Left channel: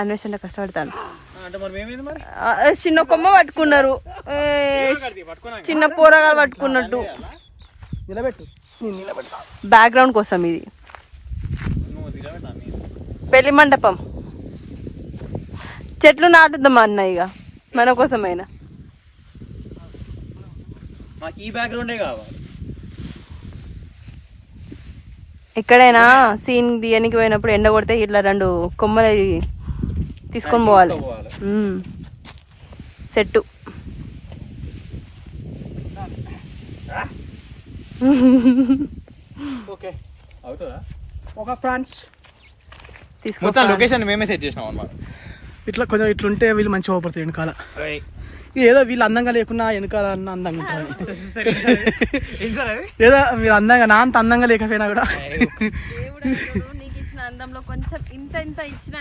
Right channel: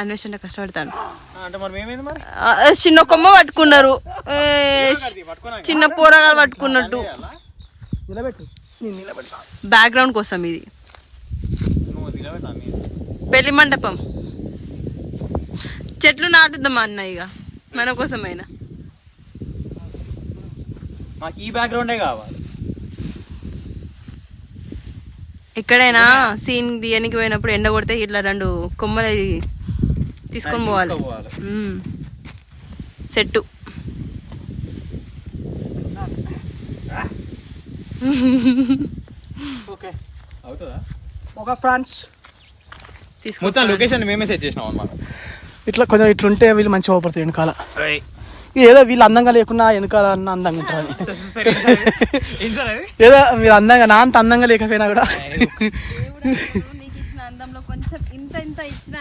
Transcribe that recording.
అన్వేషణ కష్టపడతాను. చిన్న కొమ్మ పట్టుకున్నారు, చిన్న పోరగాలు పట్టుకున్నట్టు. బ్యాక్గ్రౌండ్ కోసం ఇది పెళ్లి మండపం. చెట్లు నాటుద్దాం అన్న ఇక మన కోసమైనా. ఈ బ్యాక్గ్రౌండే కావాలి. ఎక్కడైనా సీన్ తీయనికి పోయినప్పుడు ఎండ కొడితే ఇట్లా 2 కొమ్మలు తీసుకొని పోవాలి. సెట్టు. ఒక ఫ్రాన్స్ మొత్తం లొకేషన్ మేమే సెట్ చేసినాం అన్నమాట. ఇట్లా కొంచెం ఇట్లుంటే వీళ్ళు మంచిగా అవపడుతుంది వెనకాల. ఏదో వీళ్ళు అందంగా లేకున్నా వెనకాల అన్న అందంగా ఉంటుంది. ఏదో మీరు అందంగా నా అంత అందంగా లేకపోయినా కూడా నీకు ఇచ్చిన అందంలో కొంచెం ఇంత ఇచ్చిన